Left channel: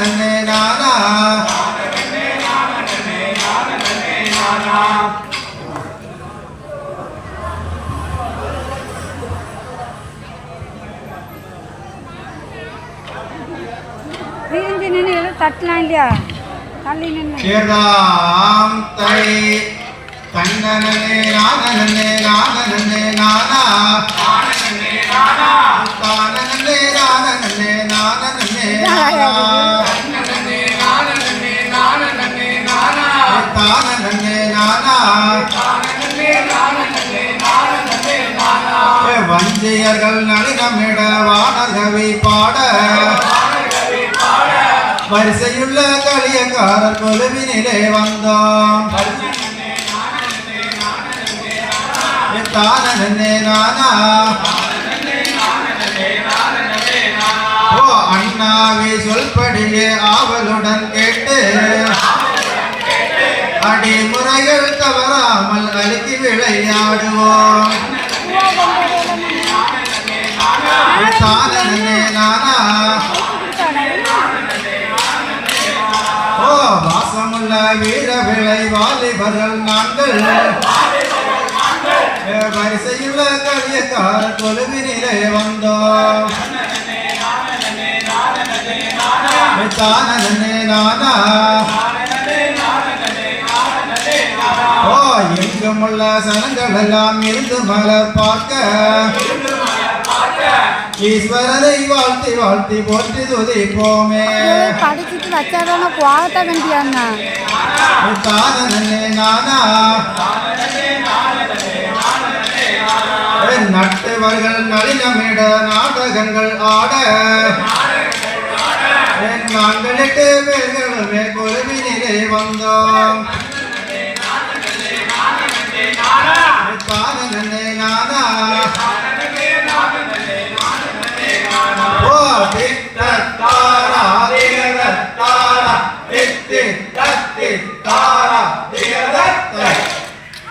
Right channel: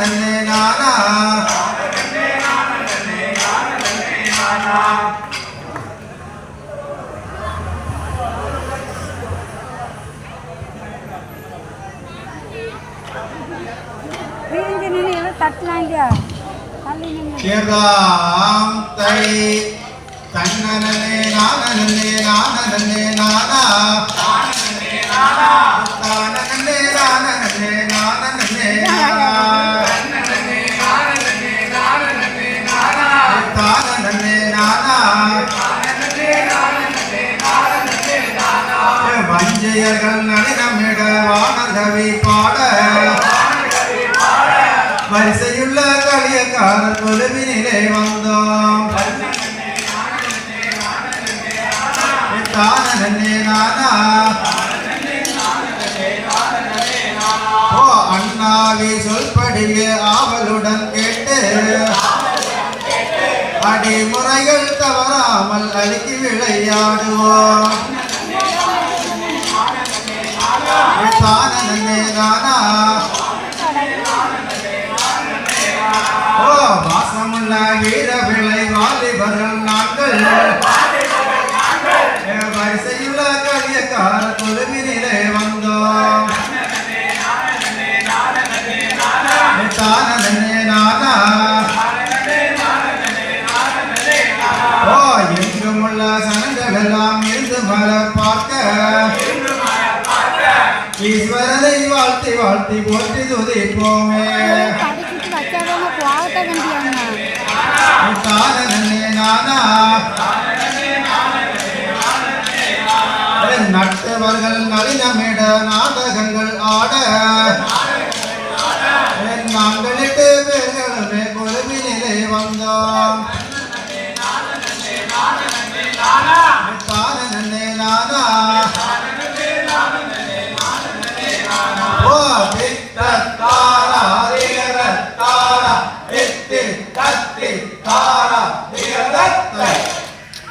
நன்னே நானா கேராம் தை தன்னனே நானனே நானனே நானா தானனே நானனே நானனே நானனே நானா தன்னனே நானனே நானனே நானா தானனே நானா தானனே நானனே நானனே நானா வஞ்சையர்கள் நளினமிட வானர்கவி பாட வரிசையுள்ள கலியக்காரர் கொலுவினிலே வந்தோம் தானனே நானா ஓ அண்ணாவை சொல்படியே ஆவலுடன் கேட்டு அடிமுறைகள் தவறாமல் அழுக்கி விளையாடுவோம் தானனே நானா வாசமுள்ள வீரவிளை வாலிபர்கள் நாங்கள் வரிசையுள்ள கலியக்கார கொலுவினிலே வந்தோம் தானனே நானா ஓ எங்குமுள்ள சனங்கள் எல்லாம் இருந்து மலர் பார்க்க ஈஸ்வரனை வாழ்த்தி வாழ்த்தி போற்றி துதிப்போமே தானனே நானா நட்டவர்கள் நளினமிட நாடகங்கள் ஆட நாங்கள் 8 பேர்களுமே கொலுவினிலே வந்தோம்